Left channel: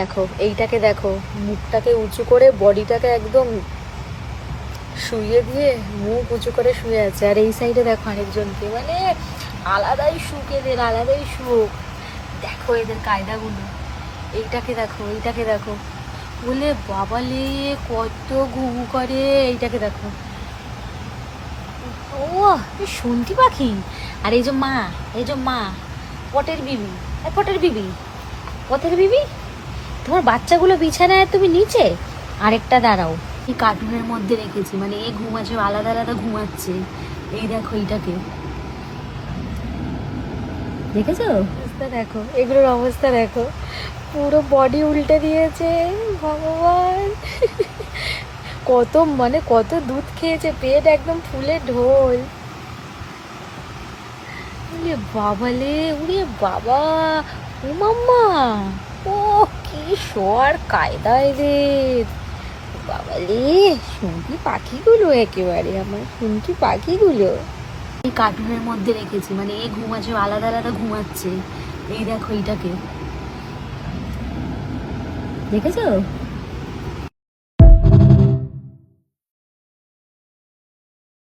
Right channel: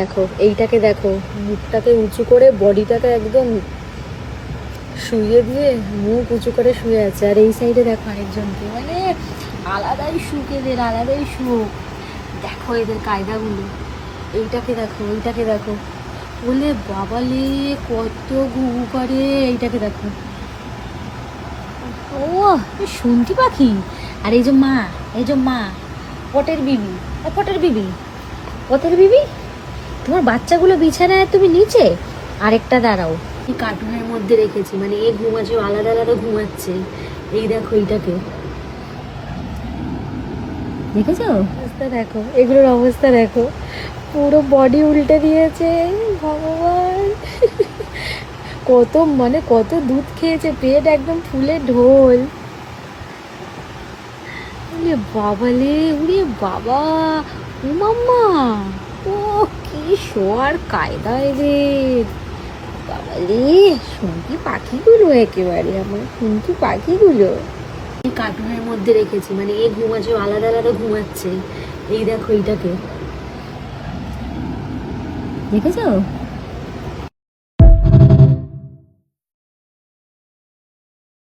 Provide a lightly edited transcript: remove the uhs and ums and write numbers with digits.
দেখো এইটাকে দেখো, মুখটাকে উঁচু করে বডিটাকে একদম শুইয়ে দিয়ে মুখ উঁচু করে শুয়ে আছে। আর এই সাইডে দেখো আরেকজনকে, মানে আলাদাই সুখ এদের, আলাদাই সুখ। দেখো এদের কায়দাগুলো। এইটাকে দেখো, এইটাকে দেখো, বলে বাবালে কত ঘুঘু করে। এইটাকে দেখো, ও শুনতি পাখি। আর এই যে মা, এই যে মা, পটের বিবি, পটের বিবি, পটের বিবি, তোমার বাচ্চাগুলো বিছানায়, তুমি নিচে। আরেকটা দাঁড়াও, এই কার্টুনের মধ্যে রেখেছি, মানে এ ঘুমাচ্ছে, আলাদা আলাদা ঘুমাচ্ছে। এই দেখো এইটাকে, দেখেছো অবস্থা দেখো, এগুলোর অবস্থা দেখো, পুরো বডি উল্টে দিয়েছে। ভগবান, কত মানে কত দুধ খেয়েছে, পেট একদম ফুলে ঢোল। উরে বাবালে, উরে বাবা, মাম্মা, ও কি শোয়ার কায়দা এদের। বাবালে, শুনকি পাখিগুলো একেবারে, আমার শুনকি পাখিগুলো। এই কার্টুনের মধ্যে রেখেছি, মানে এ ঘুমাচ্ছে, আলাদা আলাদা ঘুমাচ্ছে। এই দেখো এইটাকে, দেখেছো।